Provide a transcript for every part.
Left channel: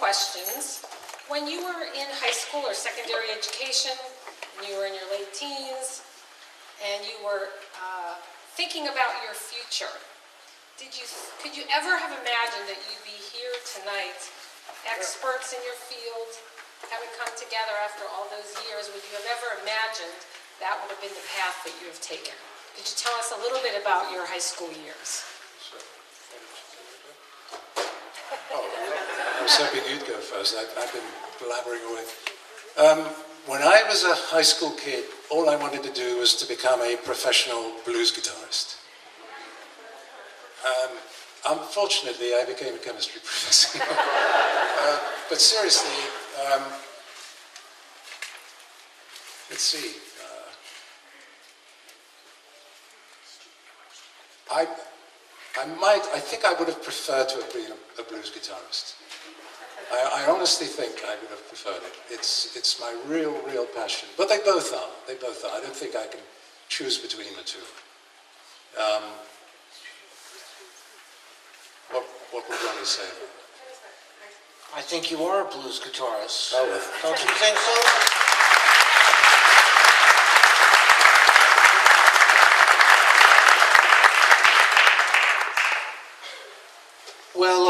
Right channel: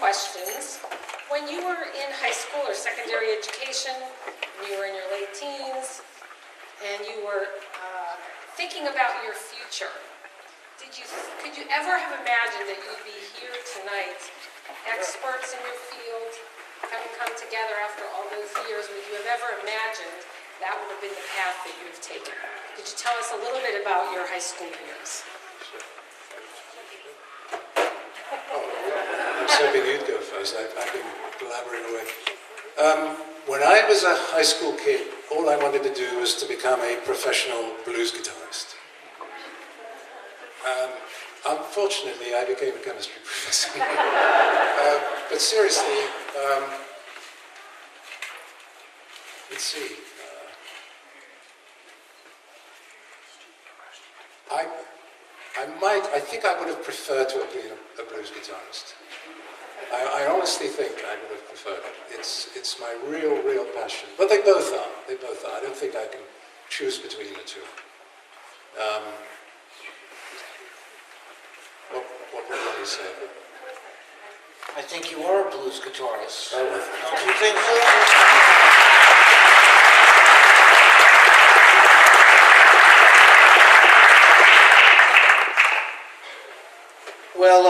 Questions. When you were in high school or secondary education, when you were in your late teens, and you were thinking about your future, could you ever have imagined that you'd be here tonight, experts in your field, having come together after all those years? Would you have ever imagined that would have been the path that you have taken? Could you tell us a little bit about your high school years? I was hoping you'd go first. I've been blabbering away. When I was a high school kid, all I wanted to do was to become a professional blues guitarist. Unfortunately, I became a chemistry professor. But seriously, let's see. I think I would have preferred to have been a blues guitarist. I honestly think I would have preferred it. It's my real passion. But they both are. They both are. I don't think I can choose between the two. What would Ronnie say about that? I think you are a blues guitarist. Oh, well. Don't you think so? Well,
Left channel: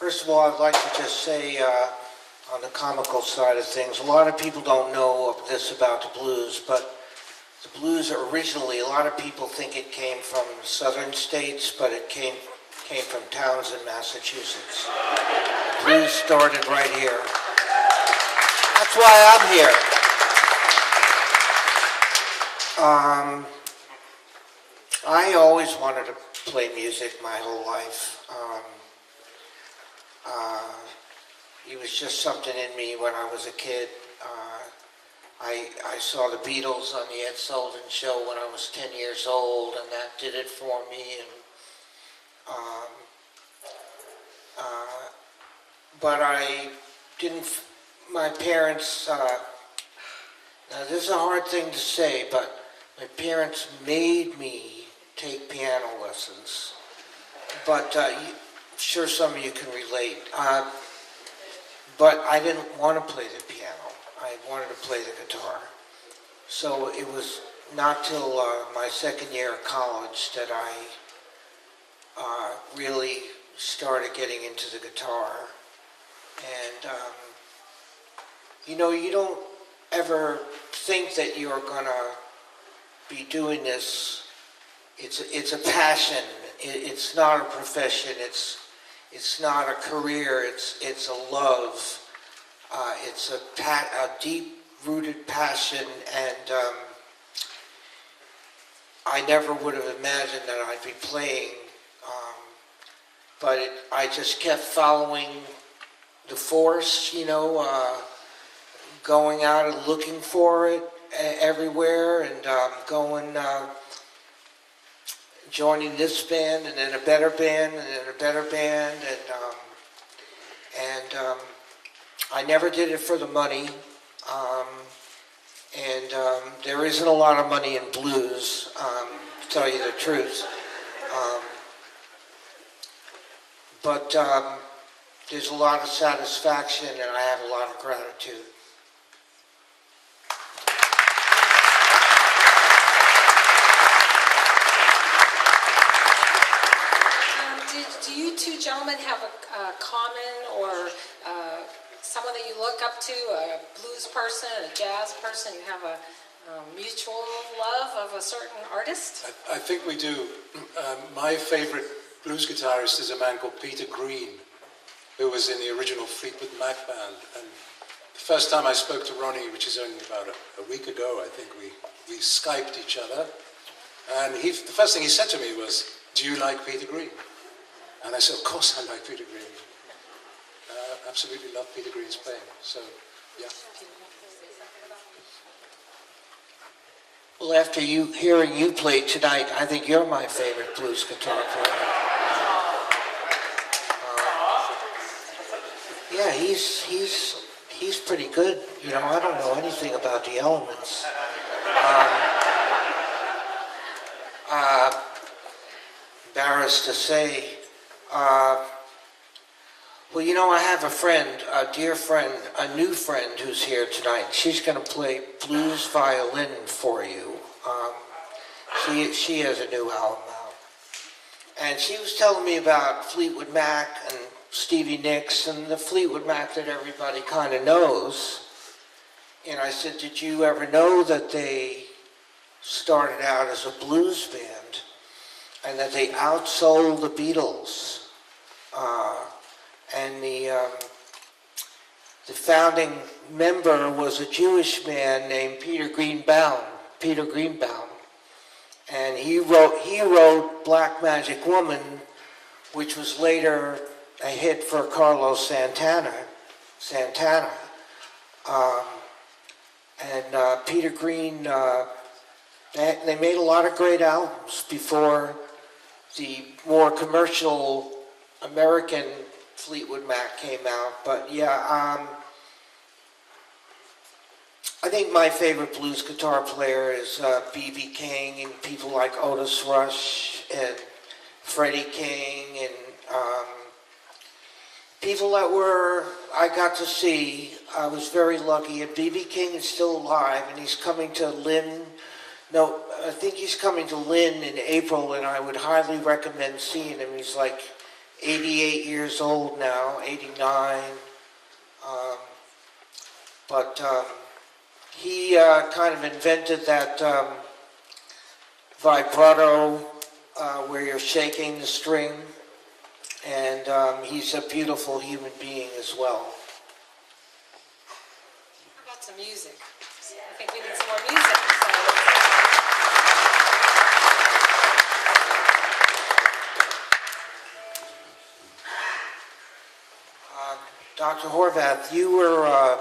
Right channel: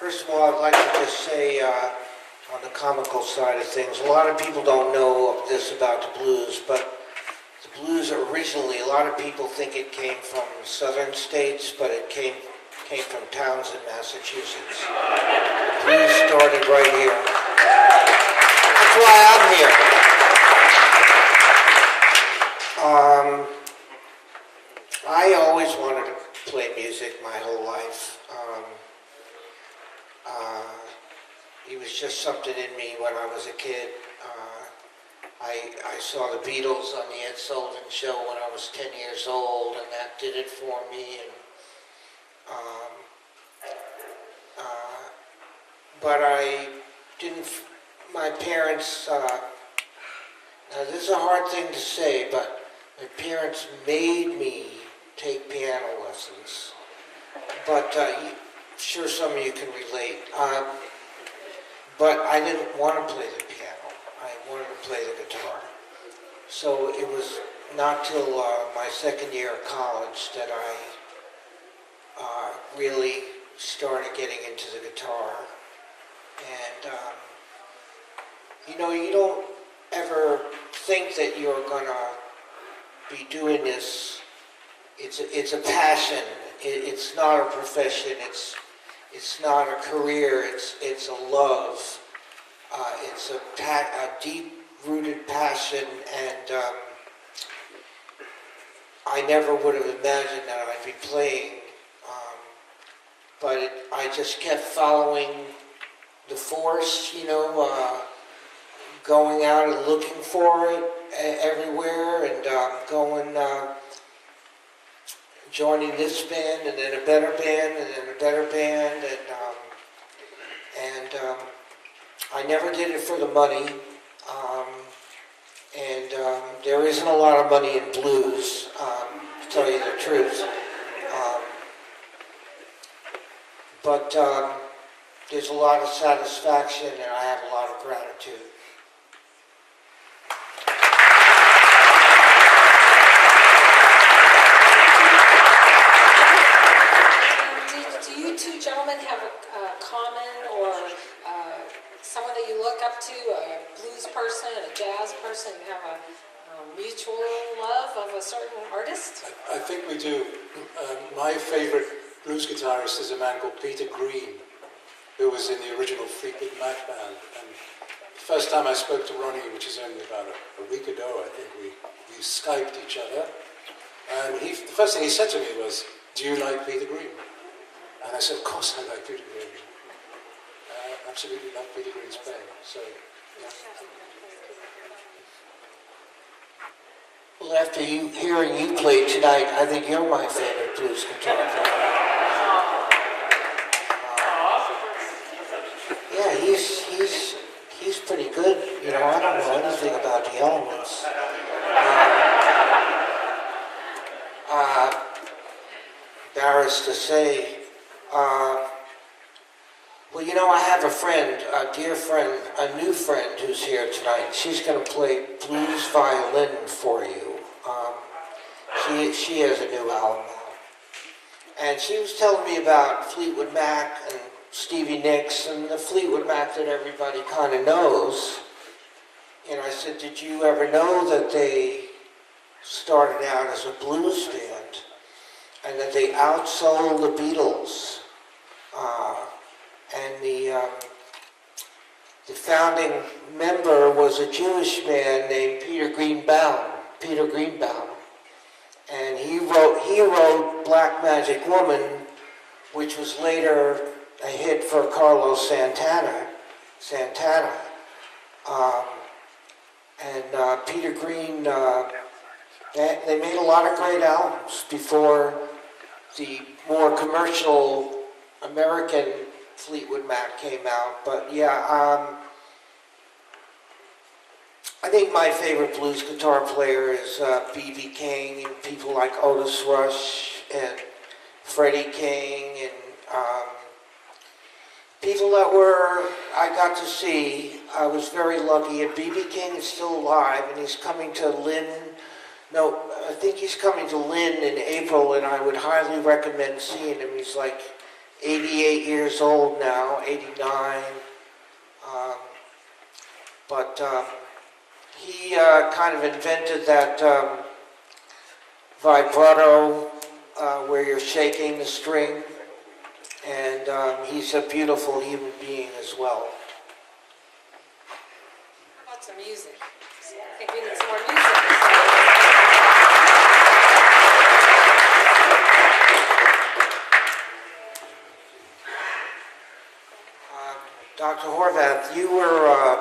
first of all, I'd like to just say, on the comical side of things, a lot of people don't know this about the blues, but the blues originally, a lot of people think it came from southern states, but it came from towns in Massachusetts. The blues started right here. That's why I'm here. I always wanted to play music my whole life. It was just something in me when I was a kid. I saw the Beatles on the Ed Sullivan Show when I was 10 years old, and that did it for me. And but I didn't. My parents. Now this is a hard thing to say, but my parents made me take piano lessons. But I'm sure some of you can relate. But I didn't want to play the piano. I wanted to play the guitar. So it was not till my second year of college that I really started getting into the guitar. And, you know, you don't ever think that you're going to be doing this. It's a passion. It's not a profession. It's not a career. It's a love. It's a deep-rooted passion, and I never would have imagined that I'd be playing. But I just kept following the force, you know, going out and looking for it everywhere, and joining this band, and then a better band, and then a better band, and I never did it for the money, and there isn't a lot of money in blues, to tell you the truth, but there's a lot of satisfaction, and I have a lot of gratitude. Two gentlemen have a common or someone that you look up to, a blues person, a jazz person? You have a mutual love of a certain artist? I think we do. My favorite blues guitarist is a man called Peter Green, who was in the original Fleetwood Mac band. And first time I spoke to Ronnie, which is only about a week ago, I think we Skyped each other. And the first thing he said to me was, "Do you like Peter Green?" And I said, "Of course I like Peter Green. Absolutely love Peter Green's playing." So, yeah. Well, after hearing you play tonight, I think you're my favorite blues guitar player. Yeah, he's pretty good. You know, I don't know anything about the elements. Embarrassed to say. Well, you know, I have a friend, a dear friend, a new friend who's here tonight. She's going to play blues violin for you. She has a new album out. And she was telling me about Fleetwood Mac and Stevie Nicks and the Fleetwood Mac that everybody kind of knows. And I said, did you ever know that they started out as a blues band and that they outsold the Beatles? And the founding member was a Jewish man named Peter Greenbaum, and he wrote Black Magic Woman, which was later a hit for Carlos Santana. Peter Green, they made a lot of great albums before the more commercial American Fleetwood Mac came out. But yeah, I think my favorite blues guitar player is B.B. King and people like Otis Rush and Freddie King and people that I got to see. I was very lucky. And B.B. King is still alive, and he's coming to Lynn. No, I think he's coming to Lynn in April, and I would highly recommend seeing him. He's like 88 years old now, 89. He kind of invented that vibrato where you're shaking the string. And he's a beautiful human being as well. How about some music? I think we need some more music. So. Dr. Horvath, you were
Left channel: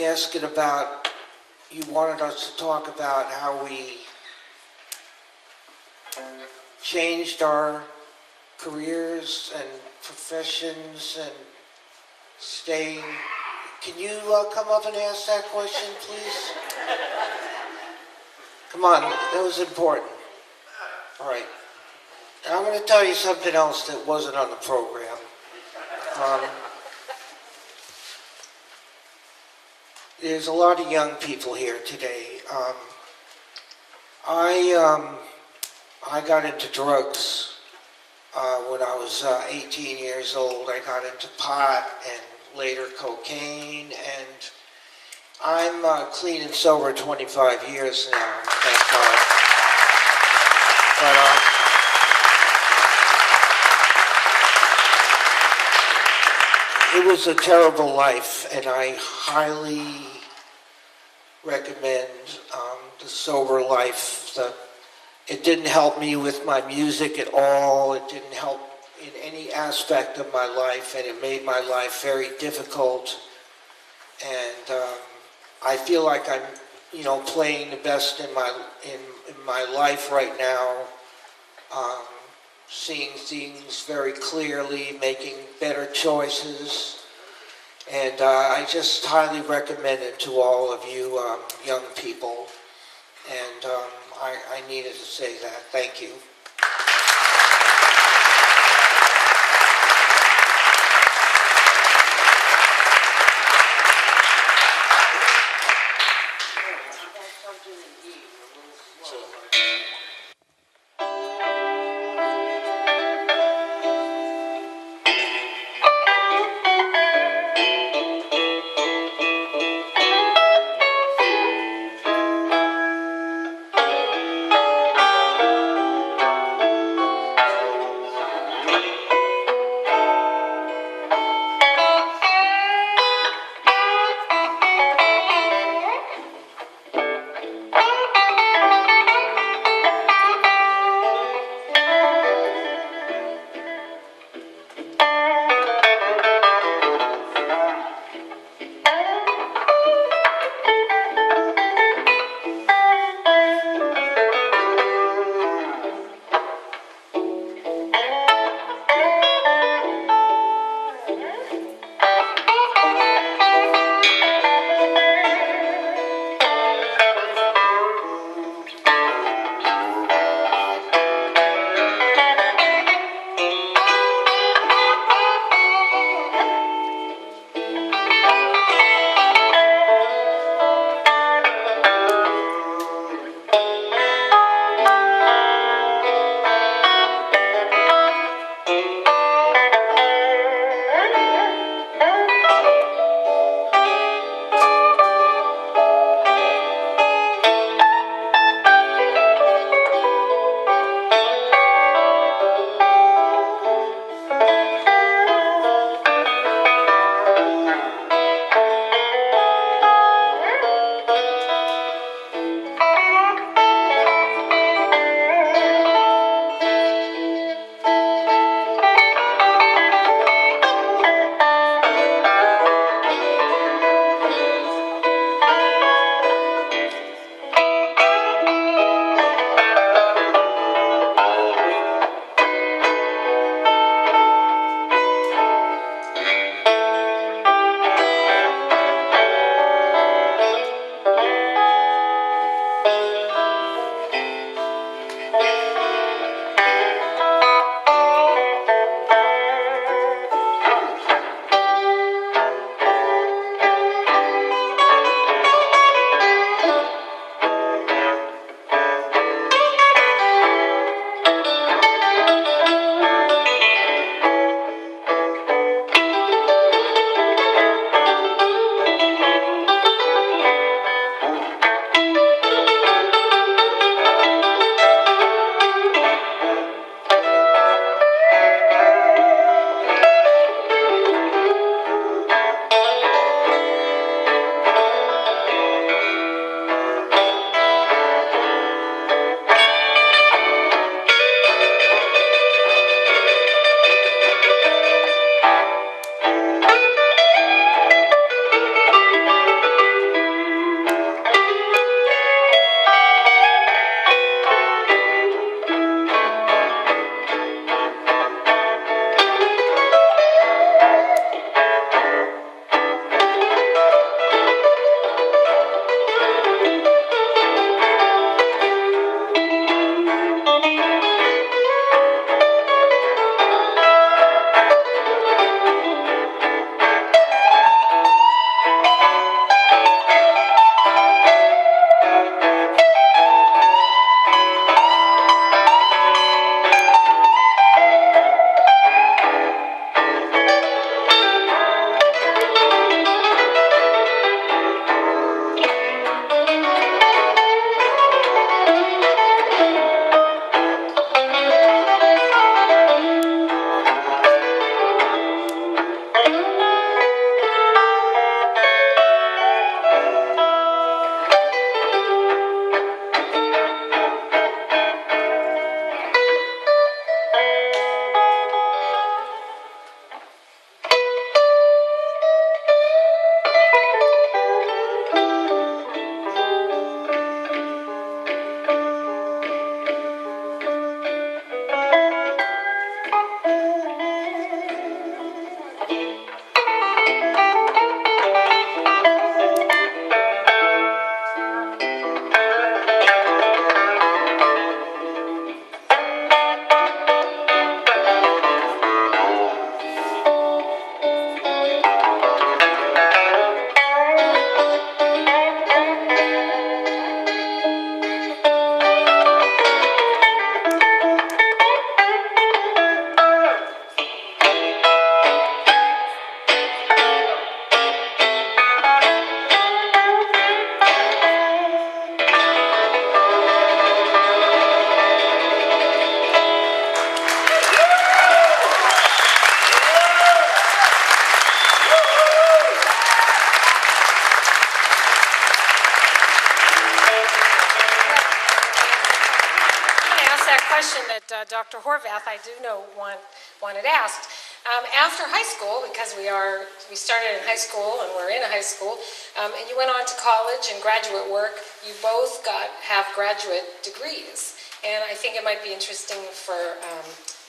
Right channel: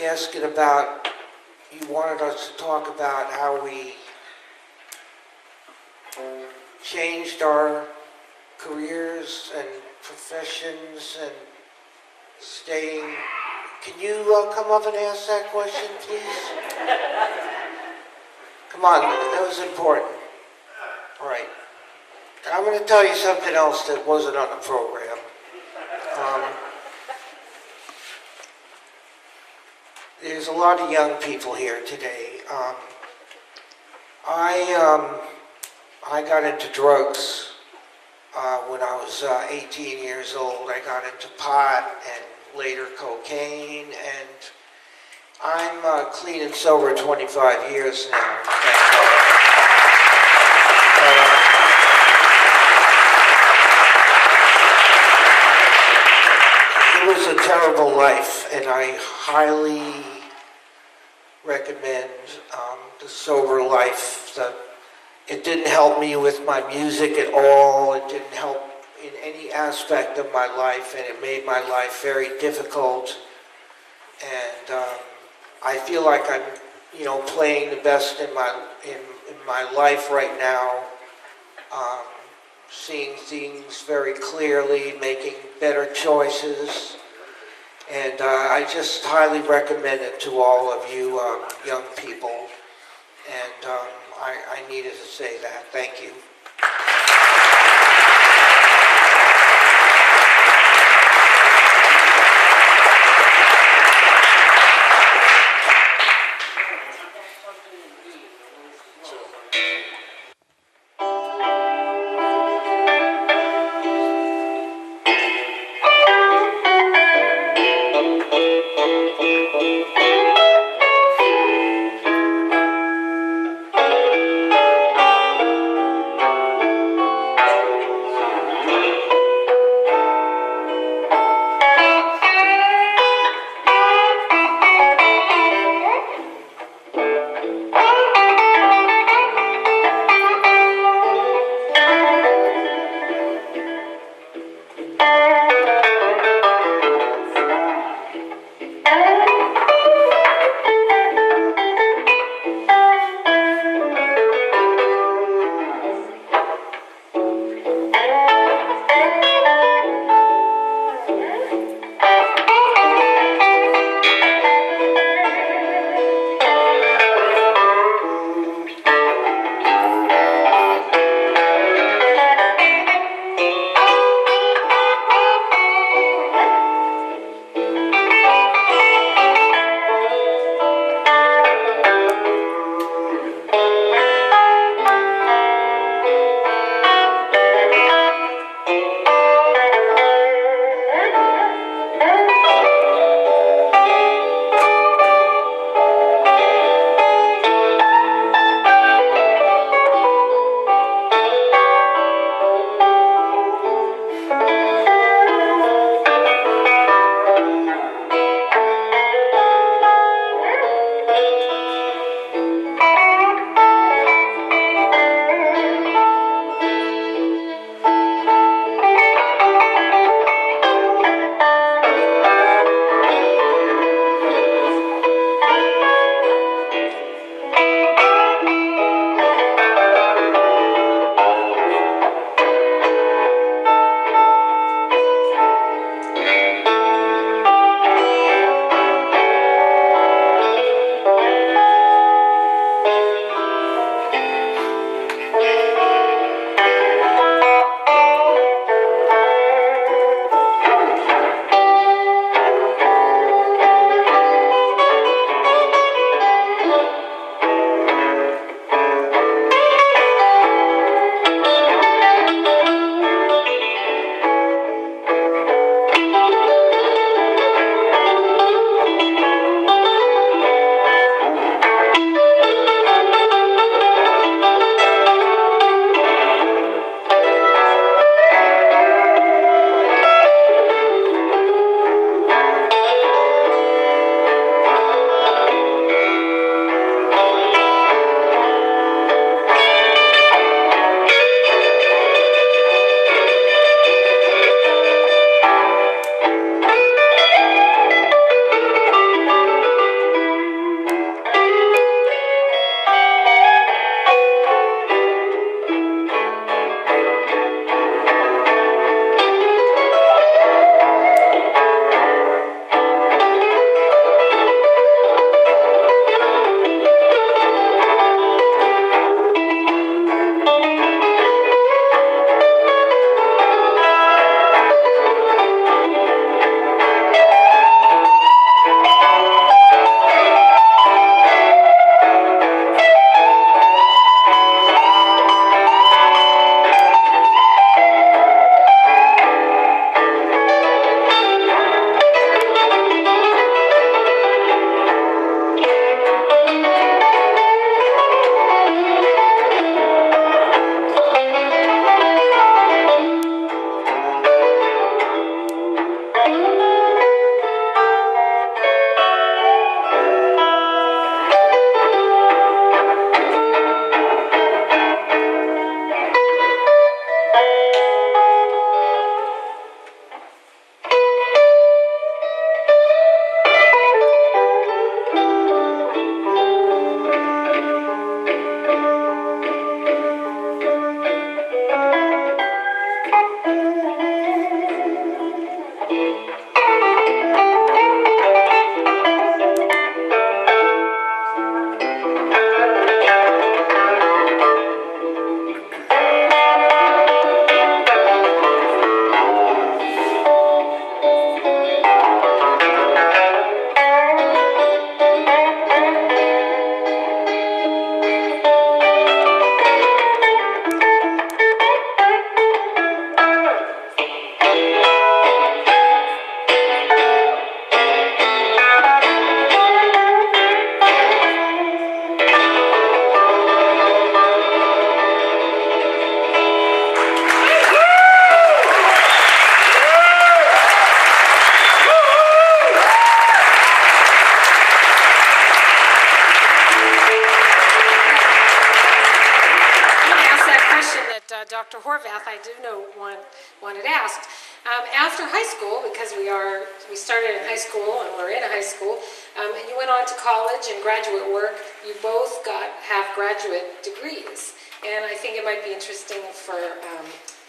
asking about, you wanted us to talk about how we changed our careers and professions and staying. Can you come up and ask that question, please? Come on, that was important. All right. And I'm going to tell you something else that wasn't on the program. There's a lot of young people here today. I got into drugs when I was 18 years old. I got into pot and later cocaine, and I'm clean and sober 25 years now, thank God. But it was a terrible life, and I highly recommend the sober life. It didn't help me with my music at all. It didn't help in any aspect of my life, and it made my life very difficult. And I feel like I'm, playing the best in my life right now. Seeing things very clearly, making better choices. And I just highly recommend it to all of you young people. And I needed to say that. Thank you. question that Dr. Horvath, I do know, wanted asked. After high school, because we started in high school and we're in a high school, and you went on to college and graduate work, you both have graduate degrees. And I think it might be interesting for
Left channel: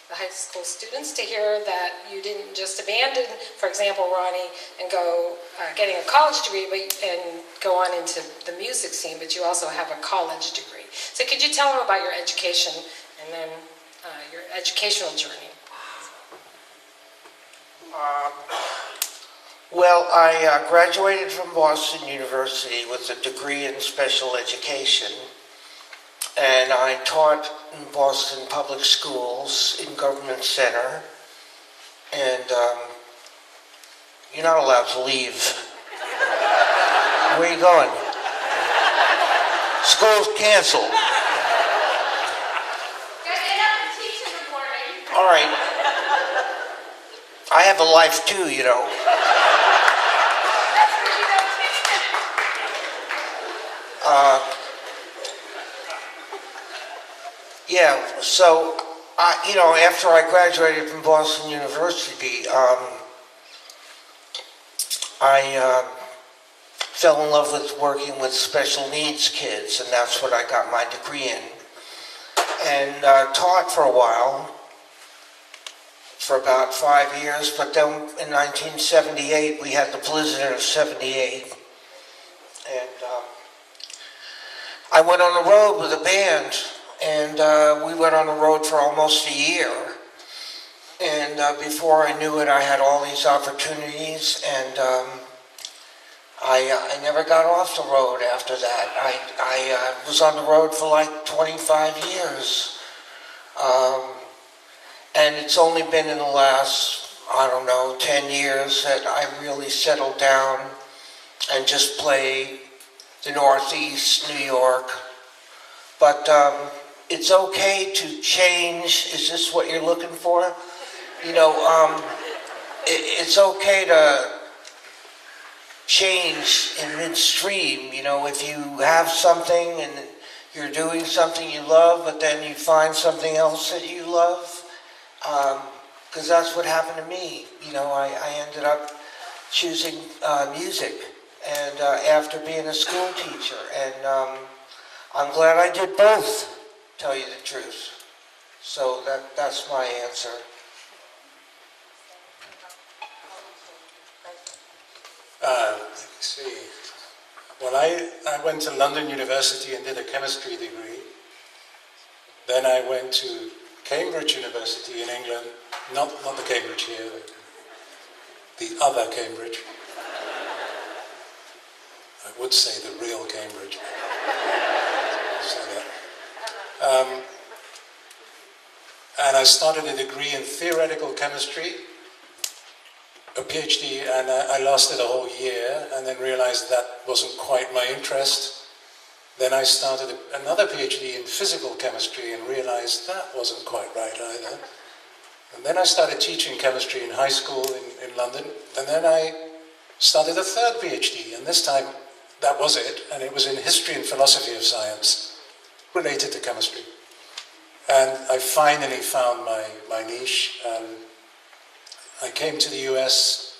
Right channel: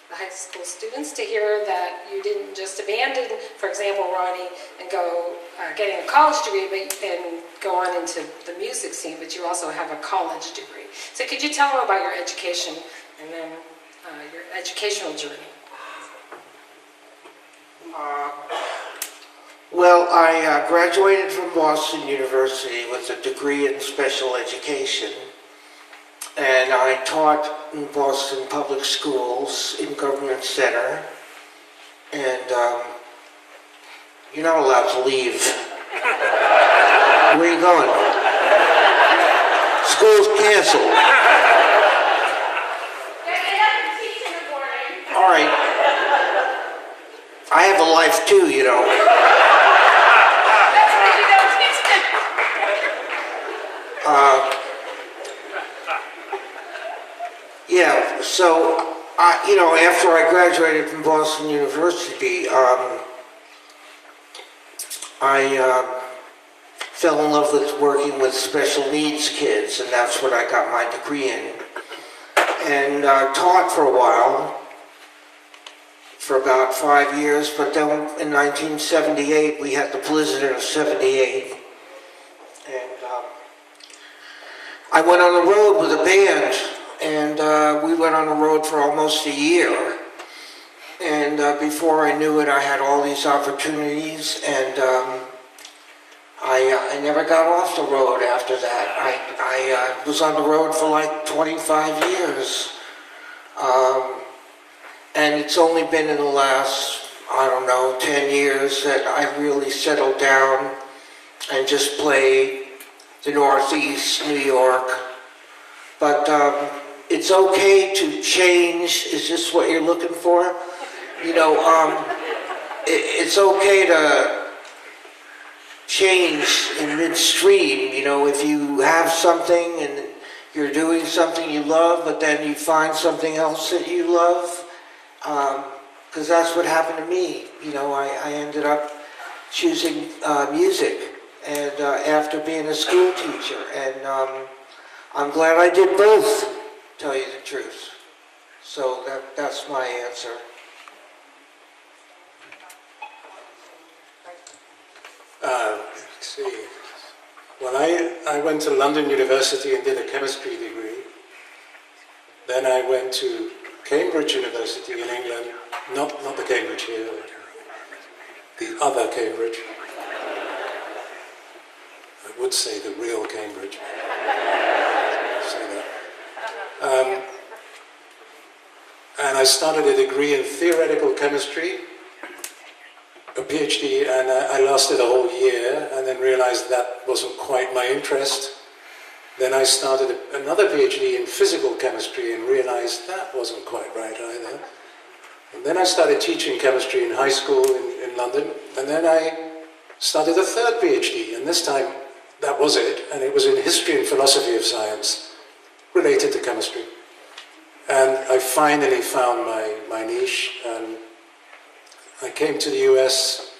the high school students to hear that you didn't just abandon, for example, Ronnie, and go getting a college degree and go on into the music scene, but you also have a college degree. So could you tell them about your education and then your educational journey? Well, I graduated from Boston University with a degree in special education. And I taught in Boston public schools in Government Center. And you're not allowed to leave. Where are you going? School's canceled. All right. I have a life too, you know. Yeah, so, after I graduated from Boston University, I fell in love with working with special needs kids, and that's what I got my degree in. And taught for a while, for about 5 years, but then in 1978, we had the blizzard of '78. And I went on the road with a band. And we went on the road for almost a year. And before I knew it, I had all these opportunities, and I never got off the road after that. I was on the road for like 25 years. And it's only been in the last, 10 years that I really settled down and just play the Northeast, New York. But it's okay to change. Is this what you're looking for? It's okay to change in midstream. If you have something and you're doing something you love, but then you find something else that you love, because that's what happened to me. I ended up choosing music, and after being a school teacher, and I'm glad I did both, tell you the truth. So that's my answer. Let's see. Well, I went to London University and did a chemistry degree. Then I went to Cambridge University in England, not the Cambridge here, the other Cambridge. I would say the real Cambridge. I'll say that. And I started a degree in theoretical chemistry, a PhD, and I lasted a whole year and then realized that wasn't quite my interest. Then I started another PhD in physical chemistry and realized that wasn't quite right either. And then I started teaching chemistry in high school in London, and then I started a third PhD, and this time that was it, and it was in history and philosophy of science, related to chemistry. And I finally found my niche, and I came to the US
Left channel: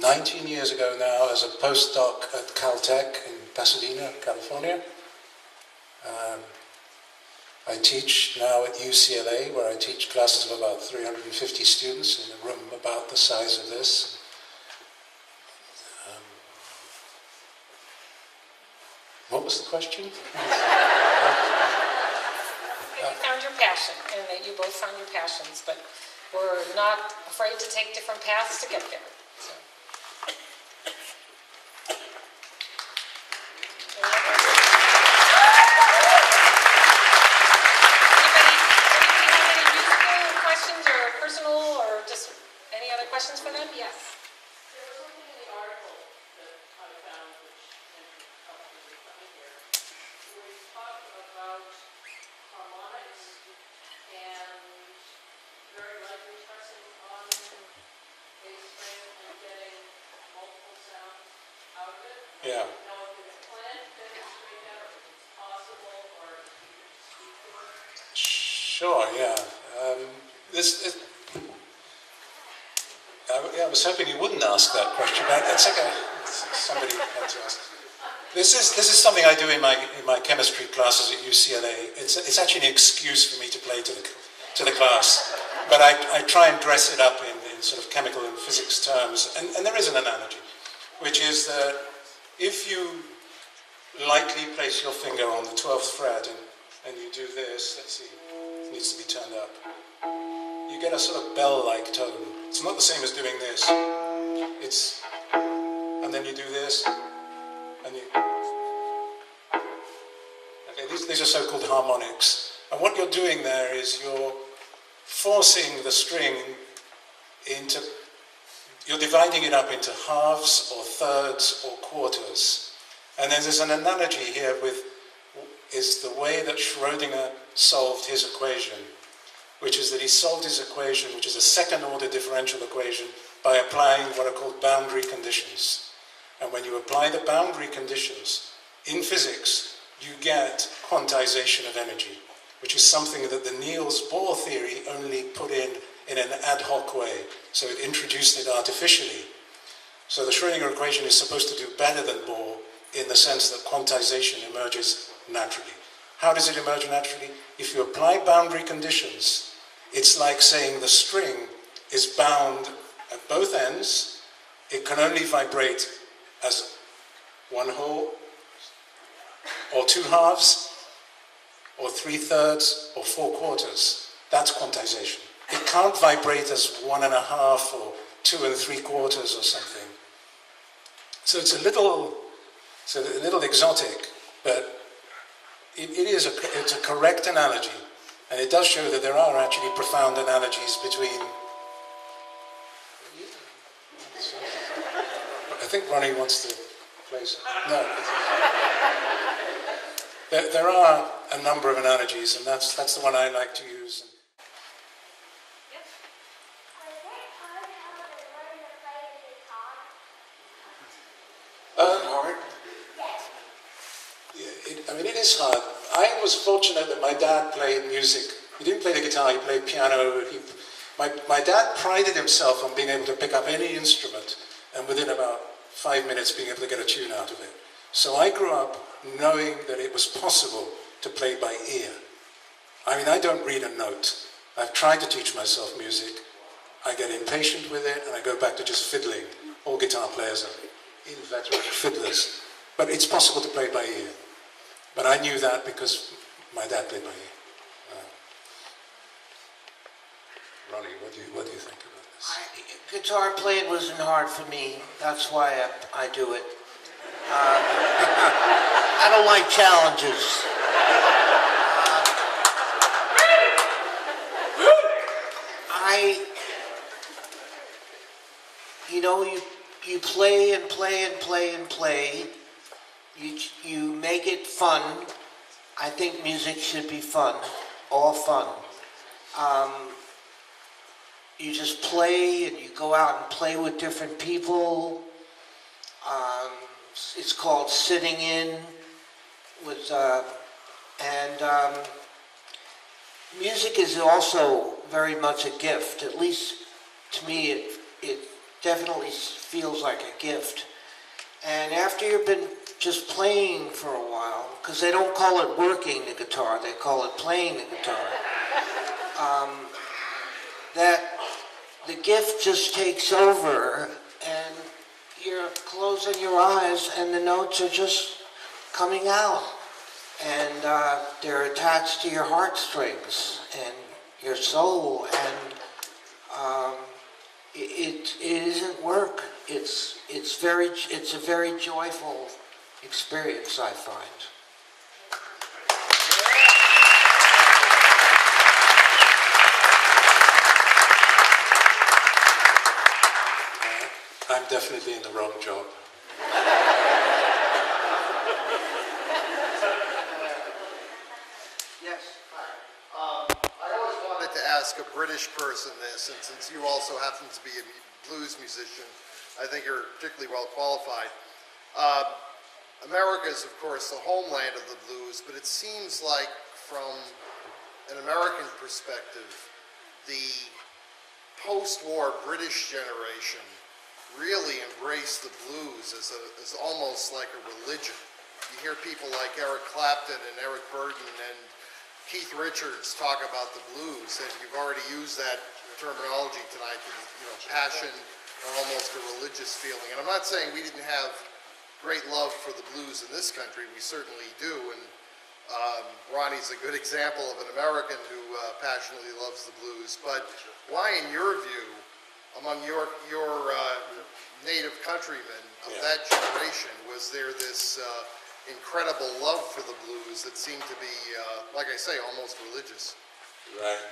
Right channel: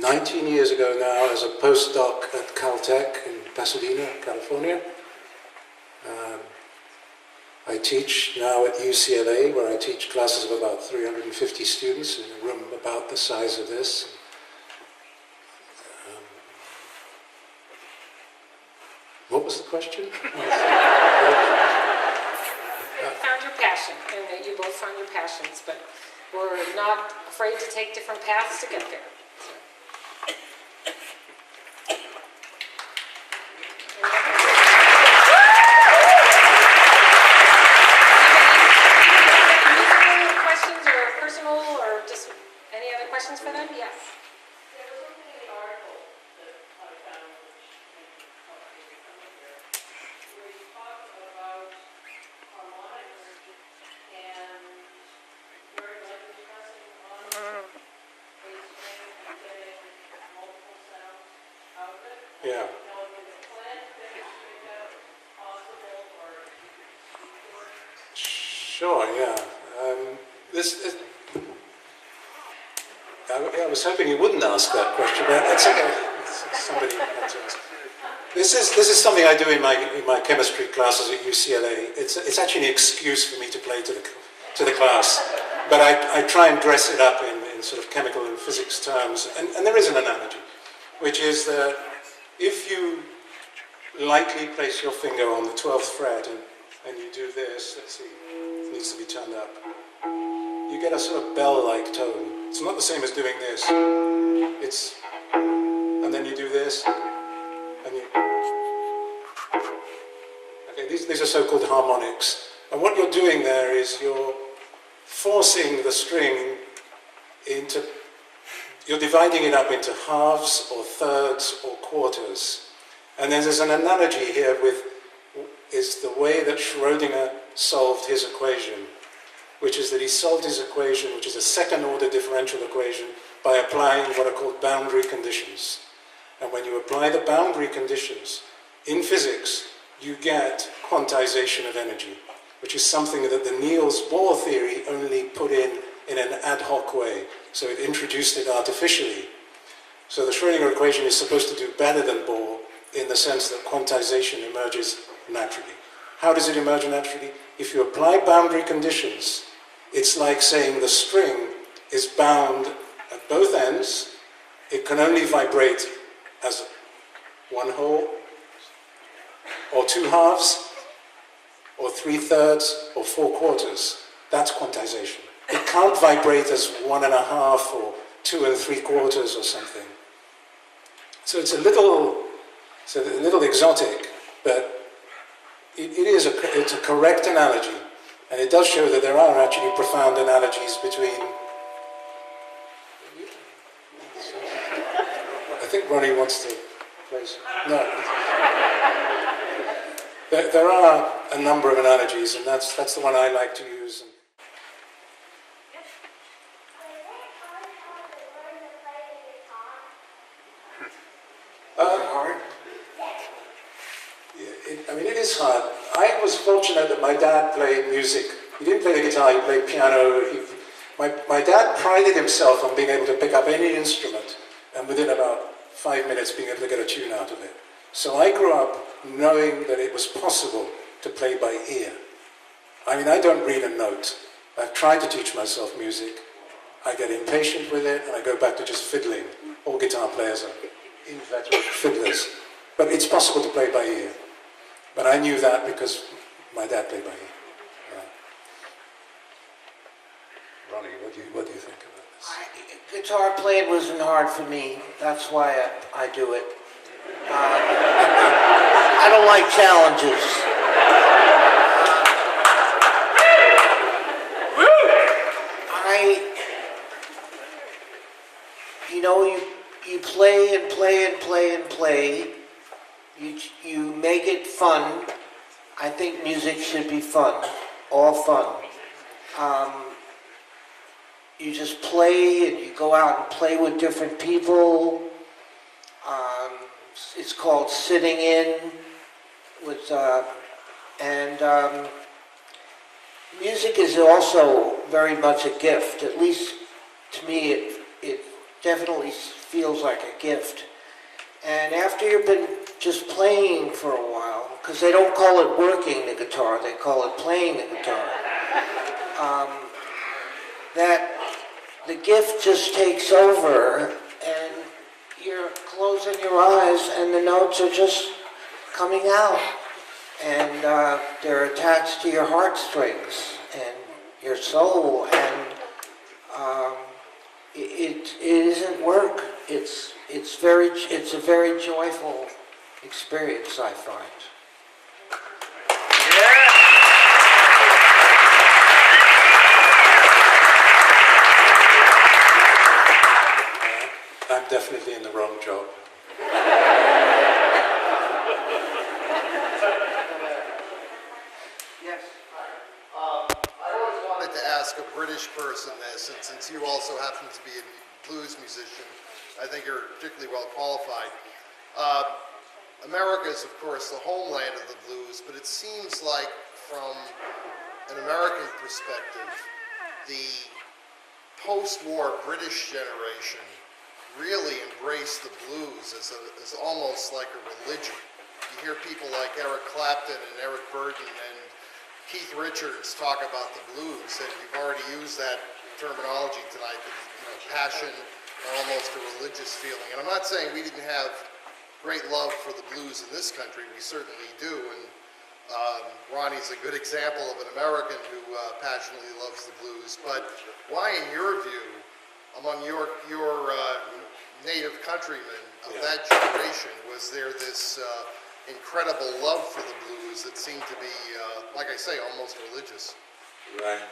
19 years ago now as a postdoc at Caltech in Pasadena, California. I teach now at UCLA, where I teach classes of about 350 students in a room about the size of this. What was the question? You found your passion, and that you both found your passions, but were not afraid to take different paths to get there. So. Anybody have any musical questions or personal or just any other questions for them? Yes. Yeah. Sure, yeah. This, I was hoping you wouldn't ask that question, but it's okay. Somebody had to ask. This is something I do in my chemistry classes at UCLA. It's actually an excuse for me to play to the class, but I try and dress it up in sort of chemical and physics terms. And there is an analogy, which is that if you lightly place your finger on the 12th fret and you do this, let's see, it needs to be turned up, you get a sort of bell-like tone. It's not the same as doing this. And then you do this, and you... Okay, these are so-called harmonics. And what you're doing there is you're forcing the string into... You're dividing it up into halves or thirds or quarters. And then there's an analogy here with is the way that Schrödinger solved his equation, which is that he solved his equation, which is a second-order differential equation, by applying what are called boundary conditions. And when you apply the boundary conditions in physics, you get quantization of energy, which is something that the Niels Bohr theory only put in an ad hoc way. So it introduced it artificially. So the Schrödinger equation is supposed to do better than Bohr in the sense that quantization emerges naturally. How does it emerge naturally? If you apply boundary conditions, it's like saying the string is bound at both ends. It can only vibrate as one whole, or two halves, or 3/3, or 4/4. That's quantization. It can't vibrate as 1.5 or 2 3/4 or something. So it's a little exotic, but it's a correct analogy, and it does show that there are actually profound analogies between. I think Ronnie wants to play some. No. There are a number of analogies, and that's the one I like to use. It is hard. I was fortunate that my dad played music. He didn't play the guitar, he played piano. My dad prided himself on being able to pick up any instrument and within about 5 minutes being able to get a tune out of it. So I grew up knowing that it was possible to play by ear. I don't read a note. I've tried to teach myself music. I get impatient with it and I go back to just fiddling. All guitar players are inveterate fiddlers. But it's possible to play by ear. But I knew that because my dad played by ear. Ronnie, what do you think about this? Guitar playing wasn't hard for me. That's why I do it. I don't like challenges. You play and play and play and play. You make it fun. I think music should be fun, all fun. You just play and you go out and play with different people. It's called sitting in with, music is also very much a gift. At least to me, it definitely feels like a gift. And after you've been just playing for a while, because they don't call it working the guitar, they call it playing the guitar, that the gift just takes over and you're closing your eyes and the notes are just coming out. And they're attached to your heartstrings and your soul, and it isn't work. It's a very joyful experience, I find. I'm definitely in the wrong job. To ask a British person this, and since you also happen to be a blues musician, I think you're particularly well qualified. America is, of course, the homeland of the blues, but it seems like from an American perspective, the post-war British generation really embraced the blues as almost like a religion. You hear people like Eric Clapton and Eric Burden and Keith Richards talk about the blues, and you've already used that terminology tonight, passion or almost a religious feeling. And I'm not saying we didn't have great love for the blues in this country. We certainly do, and Ronnie's a good example of an American who passionately loves the blues. But why, in your view, among your native countrymen of that generation, was there this incredible love for the blues that seemed to be, like I say, almost religious? Right.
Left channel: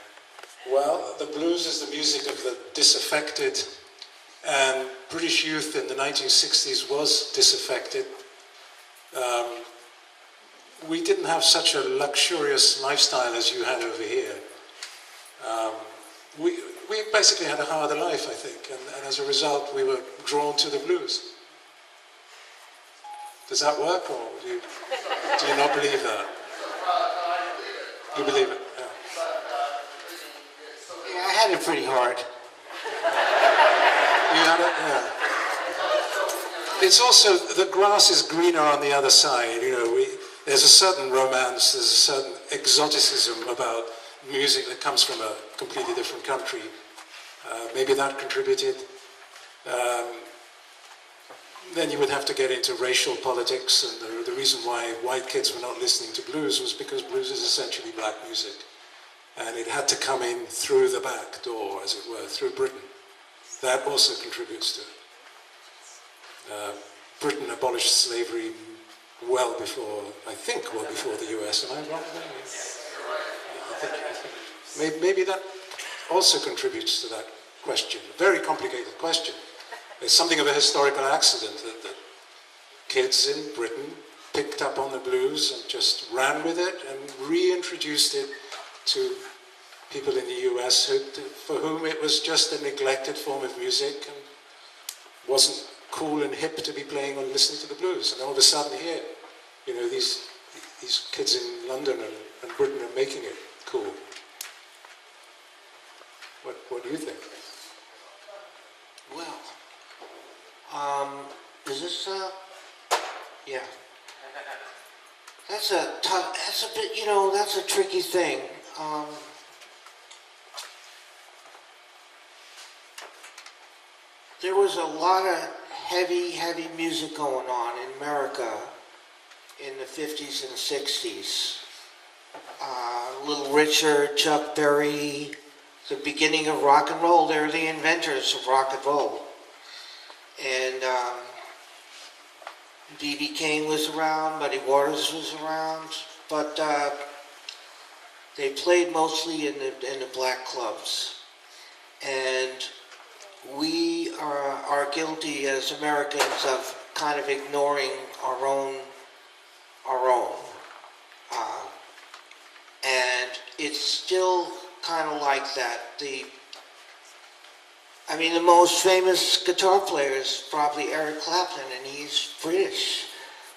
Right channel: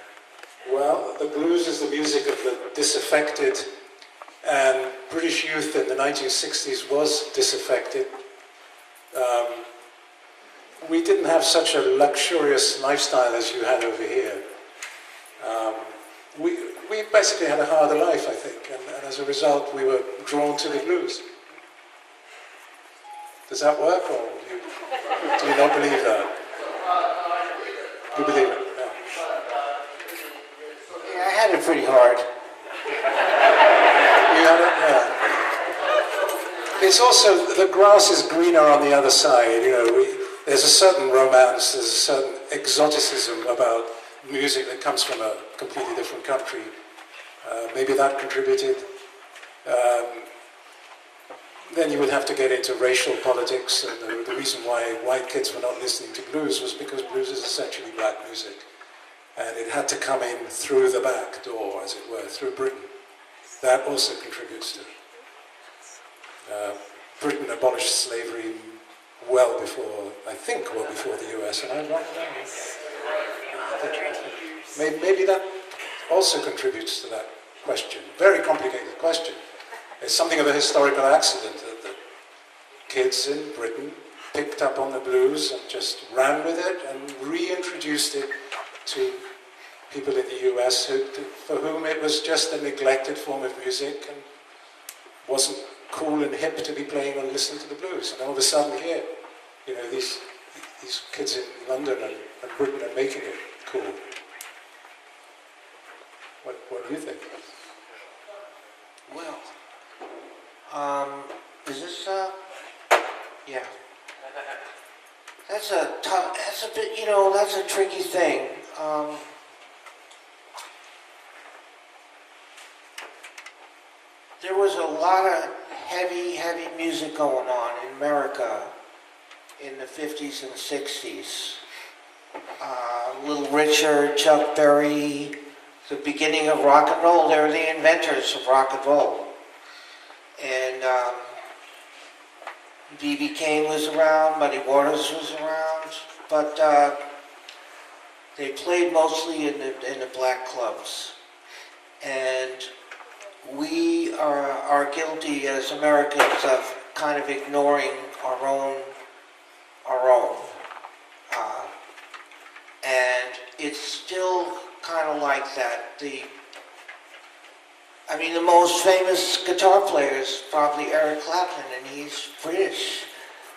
Well, the blues is the music of the disaffected, and British youth in the 1960s was disaffected. We didn't have such a luxurious lifestyle as you had over here. We basically had a harder life, I think, and as a result, we were drawn to the blues. Does that work, or do you not believe that? You believe it? Yeah. Yeah, I had it pretty hard. You had it? Yeah. It's also, the grass is greener on the other side, there's a certain romance, there's a certain exoticism about music that comes from a completely different country. Maybe that contributed. Then you would have to get into racial politics, and the reason why white kids were not listening to blues was because blues is essentially black music. And it had to come in through the back door, as it were, through Britain. That also contributes to it. Britain abolished slavery well before the US, and I'm wrong there. I think maybe that also contributes to that question. Very complicated question. It's something of a historical accident that the kids in Britain picked up on the blues and just ran with it and reintroduced it to people in the US for whom it was just a neglected form of music and wasn't cool and hip to be playing or listening to the blues. And all of a sudden here, these kids in London and Britain are making it cool. What do you think? Well, is this, yeah. That's a bit, that's a tricky thing. There was a lot of heavy music going on in America in the 50s and 60s. Little Richard, Chuck Berry, the beginning of rock and roll. They're the inventors of rock and roll. And B.B. King was around, Muddy Waters was around, but they played mostly in the black clubs. And we are guilty as Americans of kind of ignoring our own. And it's still kind of like that. The most famous guitar player is probably Eric Clapton, and he's British.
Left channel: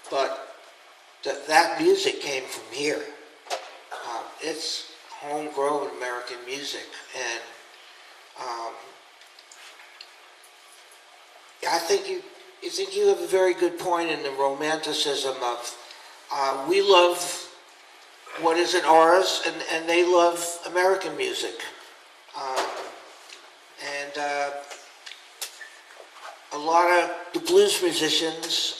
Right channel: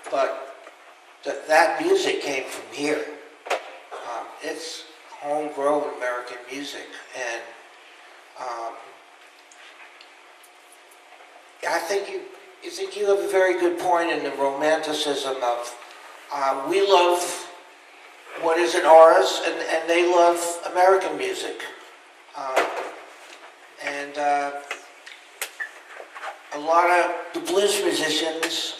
But that music came from here. It's homegrown American music, and I think you have a very good point in the romanticism of we love what isn't ours, and they love American music. And a lot of the blues musicians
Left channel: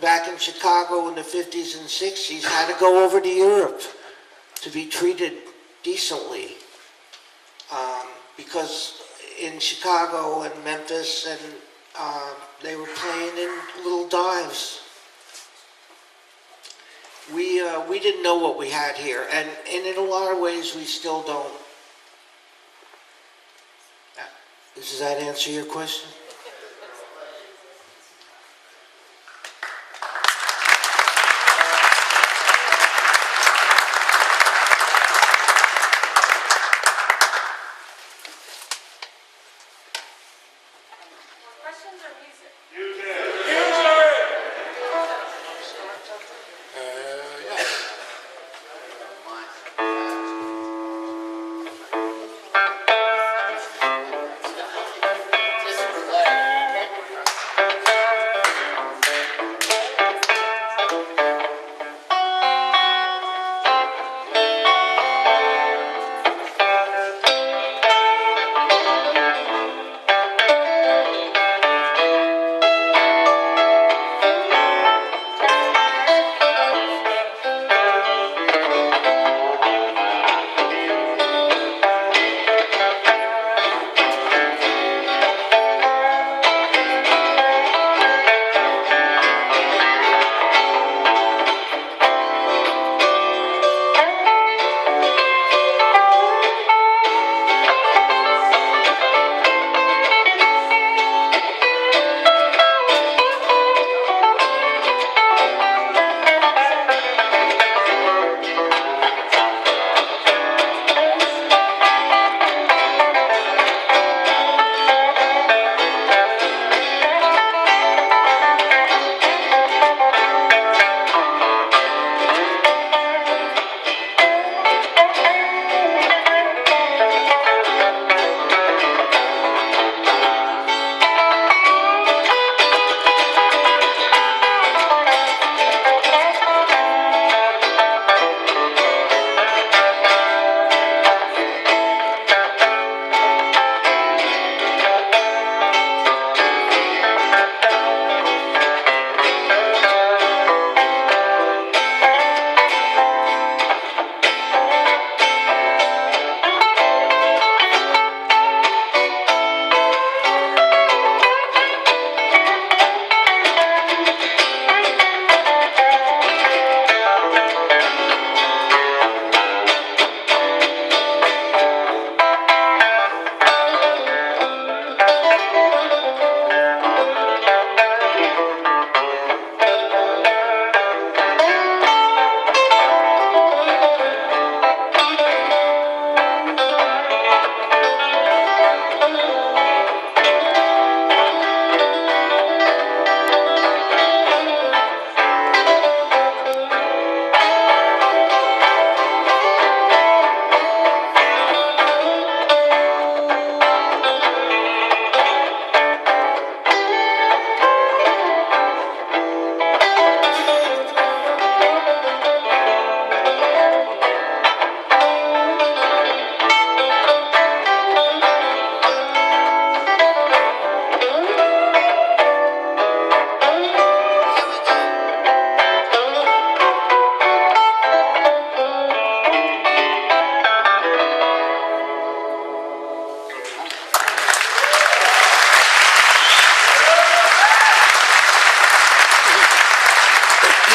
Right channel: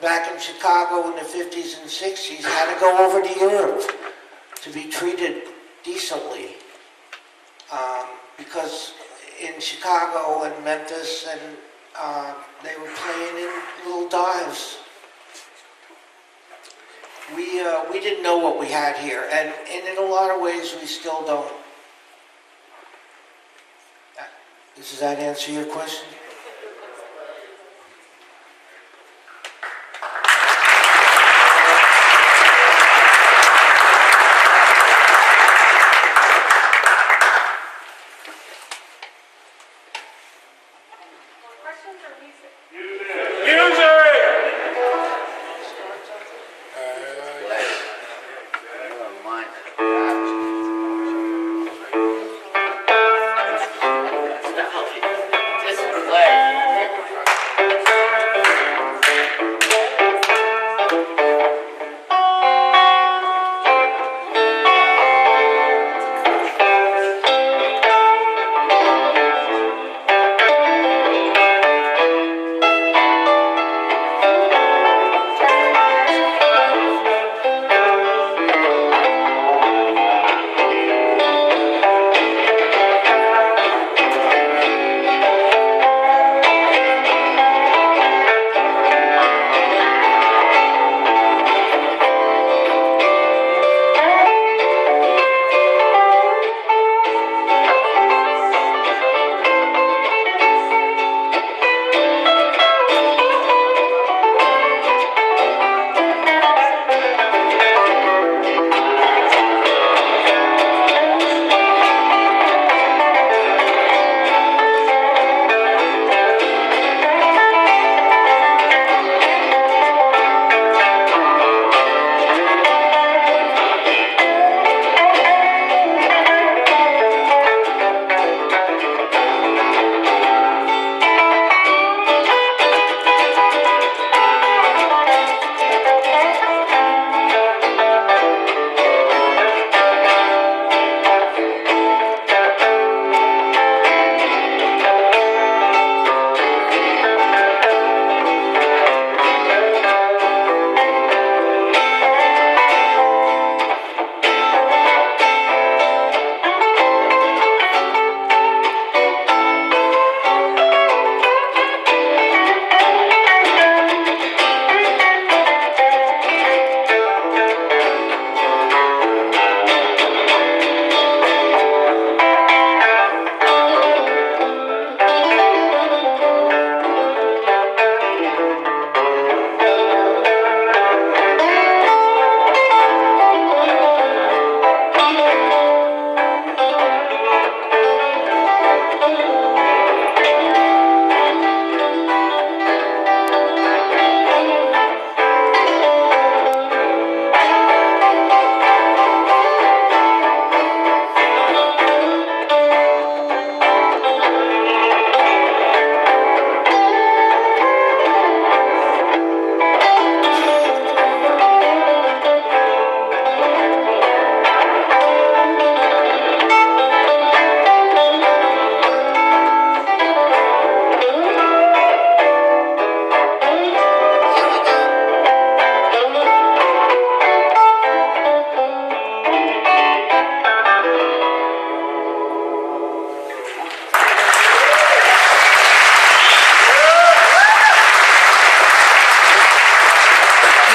back in Chicago in the 50s and 60s had to go over to Europe to be treated decently. Because in Chicago and Memphis, and they were playing in little dives. We didn't know what we had here, and in a lot of ways we still don't. Does that answer your question? Questions or music? Yes.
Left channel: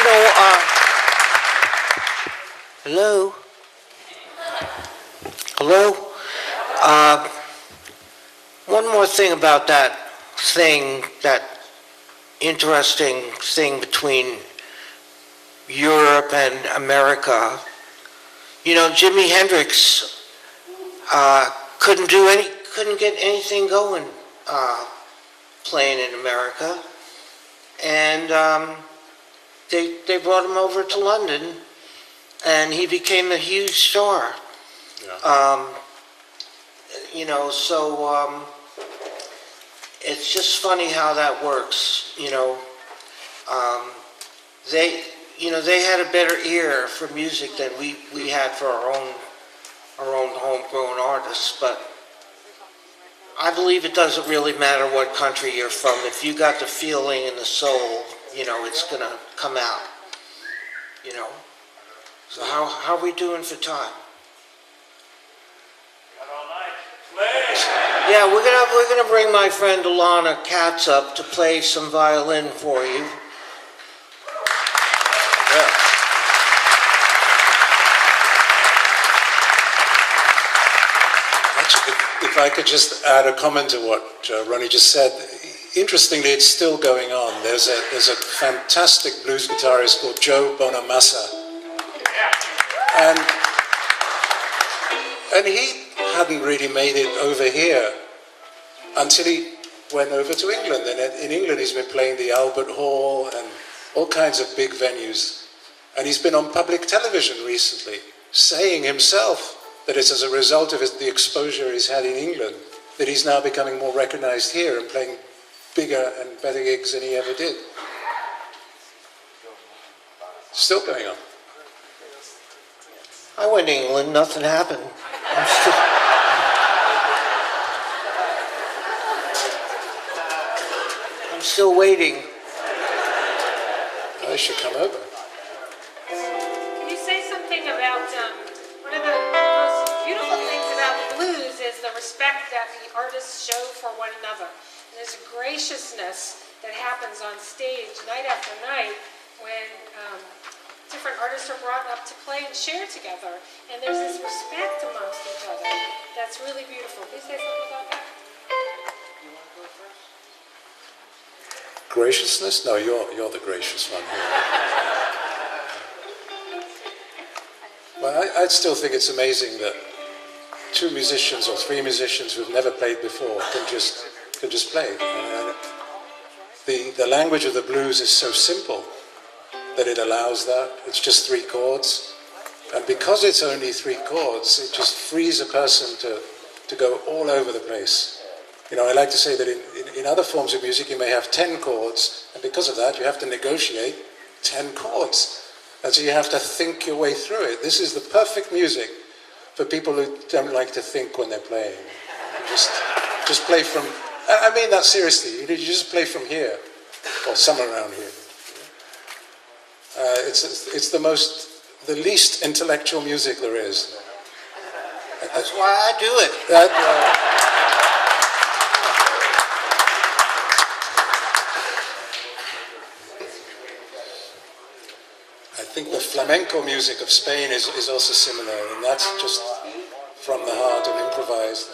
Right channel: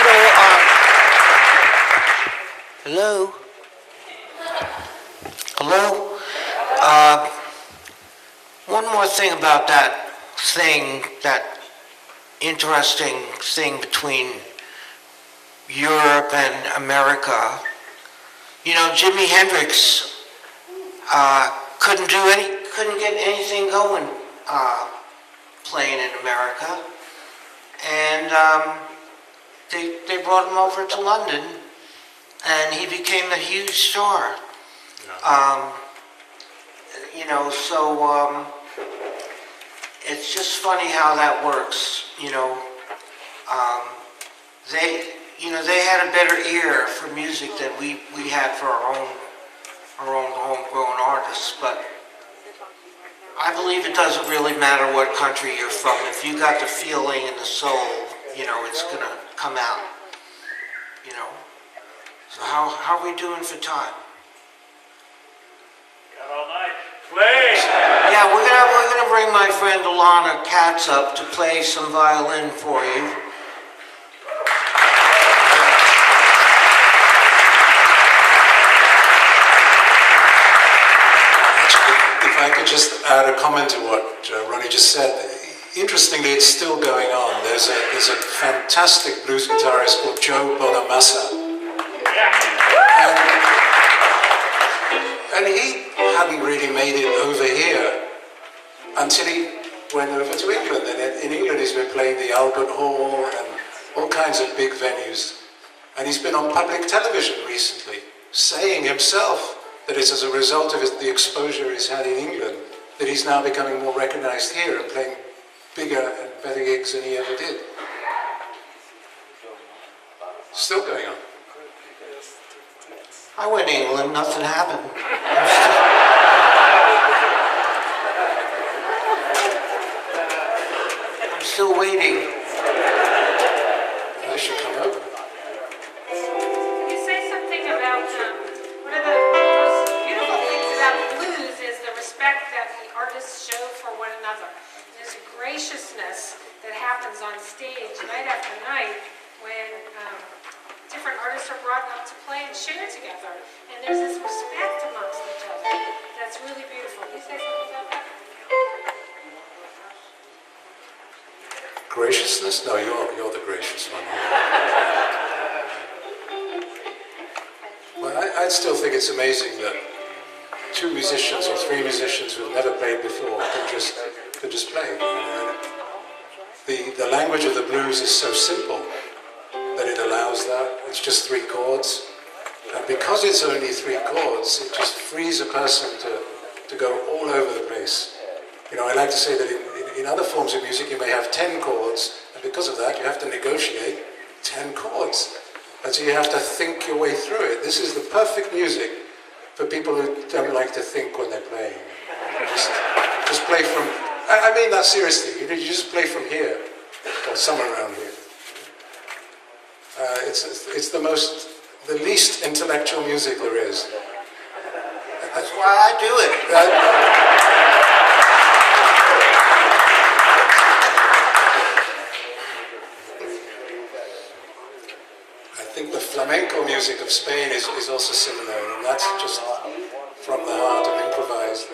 You know, hello? Hello? One more thing about that interesting thing between Europe and America. You know, Jimi Hendrix couldn't get anything going playing in America, and they brought him over to London, and he became a huge star. Yeah. You know, so it's just funny how that works. You know, they had a better ear for music than we had for our own homegrown artists. But I believe it doesn't really matter what country you're from. If you got the feeling and the soul, you know, it's gonna come out. You know. So how are we doing for time? Yeah, we're gonna bring my friend Alana Katz up to play some violin for you. Yeah. Actually, if I could just add a comment to what Ronnie just said. Interestingly, it's still going on. There's a fantastic blues guitarist called Joe Bonamassa, and he hadn't really made it over here until he went over to England. And in England, he's been playing the Albert Hall and all kinds of big venues. And he's been on public television recently, saying himself that it's as a result of the exposure he's had in England that he's now becoming more recognized here and playing bigger and better gigs than he ever did. Still going on. I went to England, nothing happened. I'm still waiting. I should come over. Can you say something about one of the most beautiful things about the blues is the respect that the artists show for one another. And there's a graciousness that happens on stage night after night when different artists are brought up to play and share together. And there's this respect amongst each other that's really beautiful. Can you say something about that? Graciousness? No, you're the gracious one here. Well, I'd still think it's amazing that two musicians or three musicians who've never played before can just play. The language of the blues is so simple that it allows that. It's just three chords. And because it's only three chords, it just frees a person to go all over the place. You know, I like to say that in other forms of music you may have 10 chords, and because of that you have to negotiate 10 chords. And so you have to think your way through it. This is the perfect music for people who don't like to think when they're playing. You just play from, I mean that seriously, you just play from here, or somewhere around here. It's the least intellectual music there is. That's why I do it. I think the flamenco music of Spain is also similar, and that's just from the heart and improvised.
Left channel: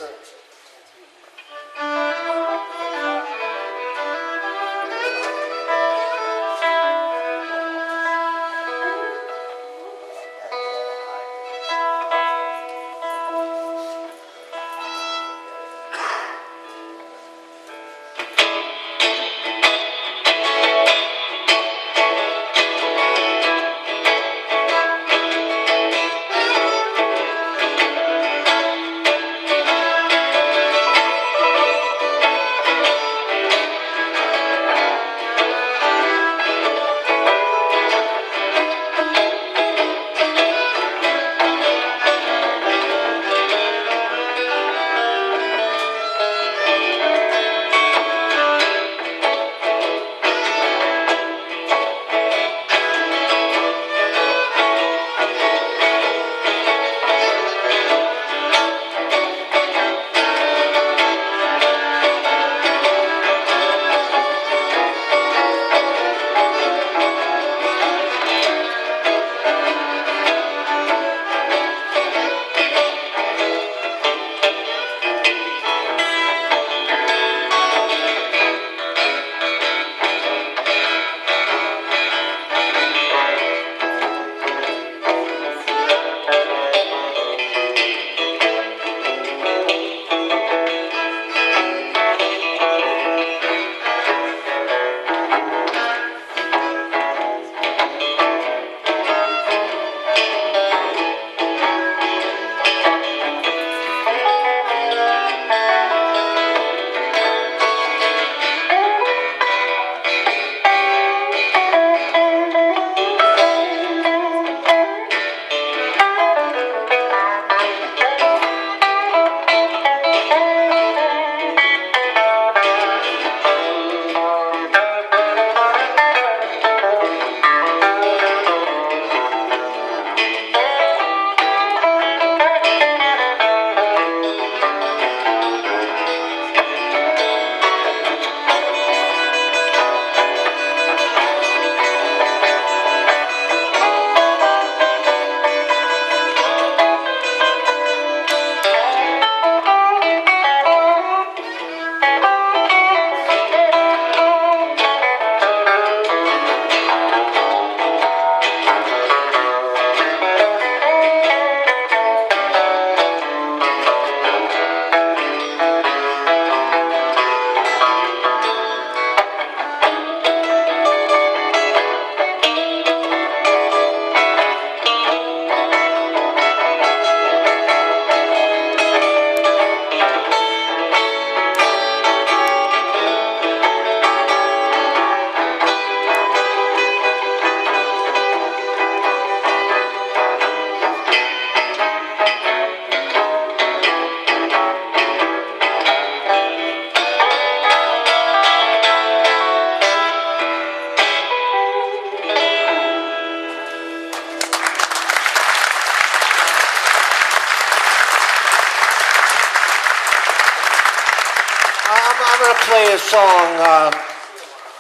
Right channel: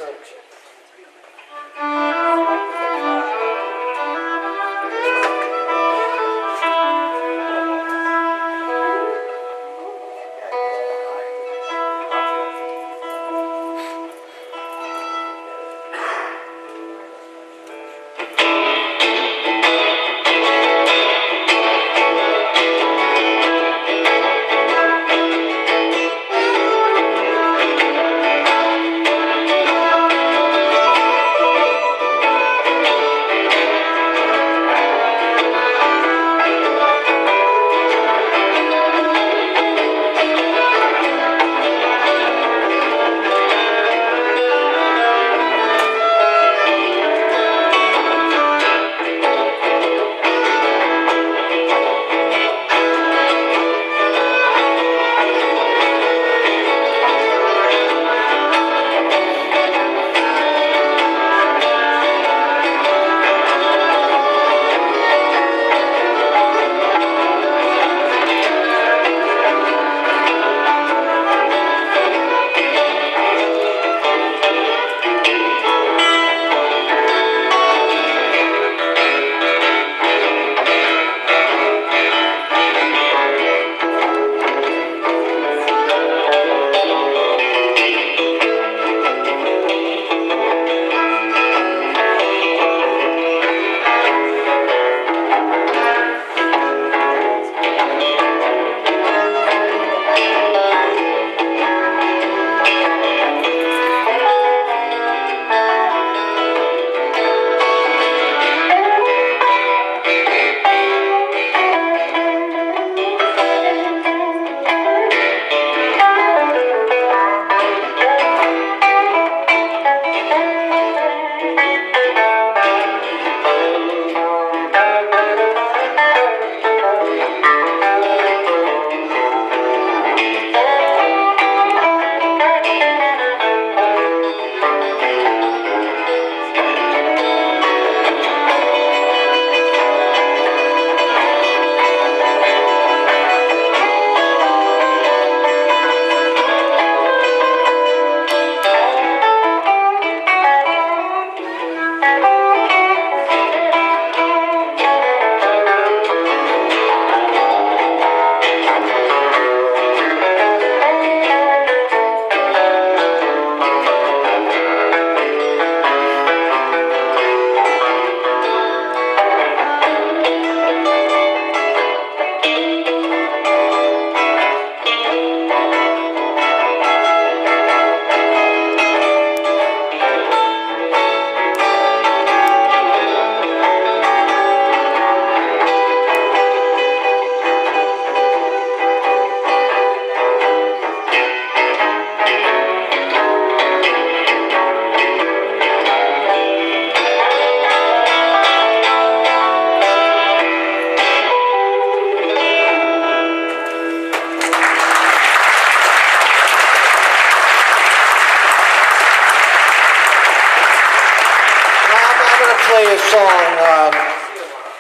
play a song.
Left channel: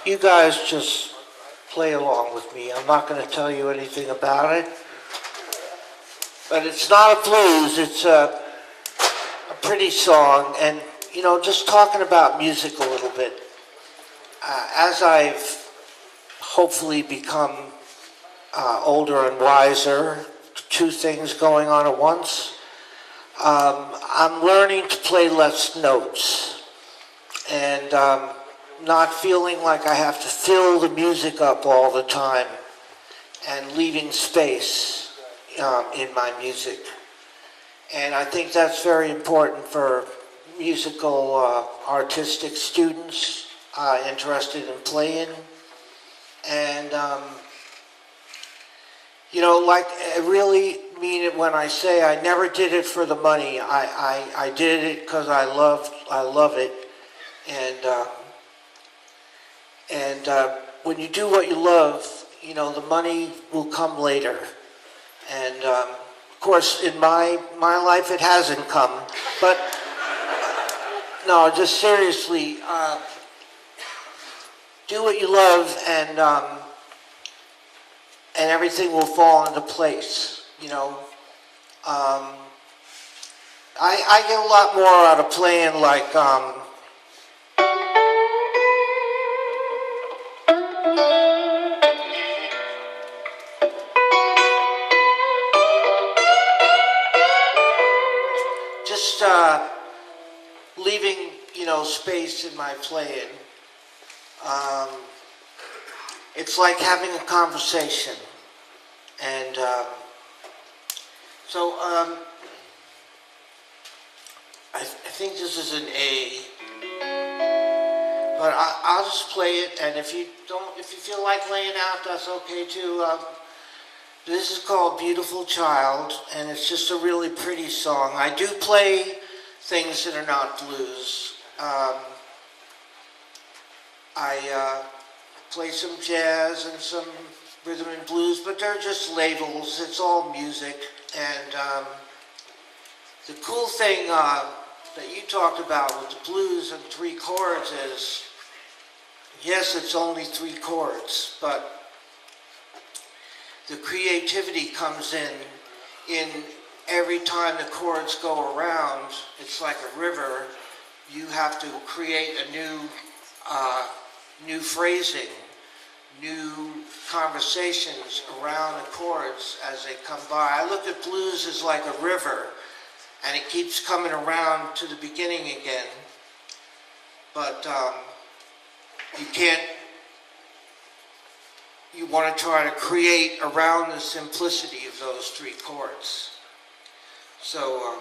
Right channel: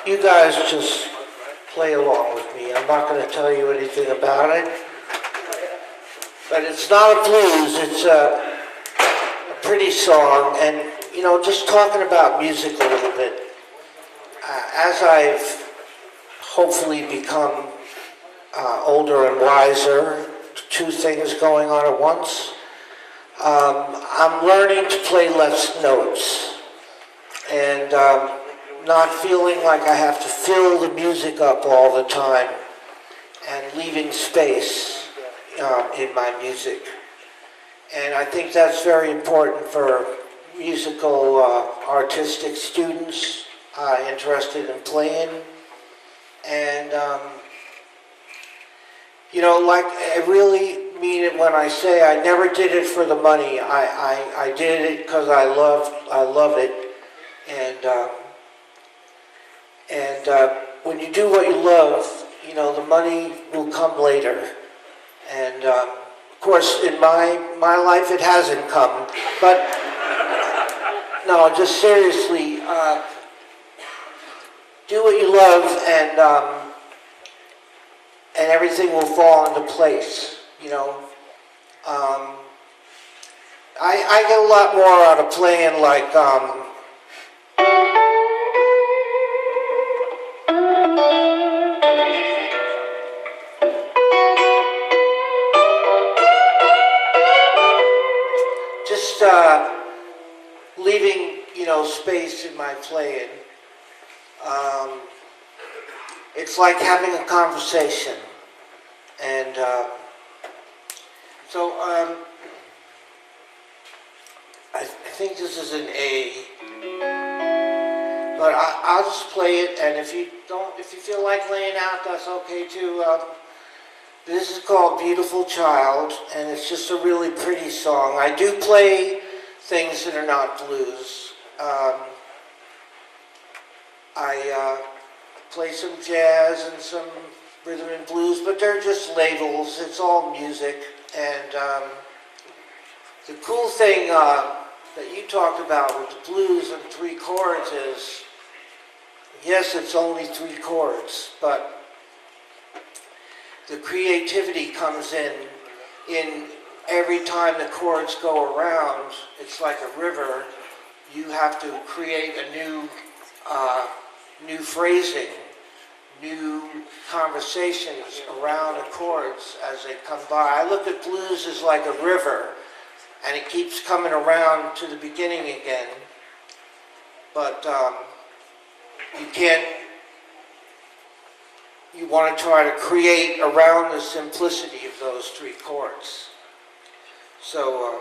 You guys just play along with me. I'm not going to tell you anything about it. But it's not a blues. It's a pretty song. And, you know, just talking about music a little bit. As I've hopefully become older and wiser, two things going on at once. I'm learning to play less notes and not feeling like I have to fill the music up all the time and leaving space in my music. And I think that's very important for musical artistic students interested in playing. And you know, like, I really mean it when I say I never did it for the money. I did it because I love it. And when you do what you love, you know, the money will come later. And of course, in my life, it hasn't come. But no, just seriously, do what you love, and everything will fall into place, you know. I get a lot more out of playing like, just leaving, you know, space in my playing. It's like having a conversation. And so I think this is an A, but I'll just play it. And if you feel like laying out, that's okay too. This is called "Beautiful Child," and it's just a really pretty song. I do play things that are not blues. I play some jazz and some rhythm and blues, but they're just labels. It's all music. And the cool thing that you talked about with the blues and 3 chords is, yes, it's only 3 chords, but the creativity comes in every time the chords go around. It's like a river. You have to create a new phrasing, new conversations around the chords as they come by. I look at blues as like a river, and it keeps coming around to the beginning again. But you want to try to create around the simplicity of those 3 chords. So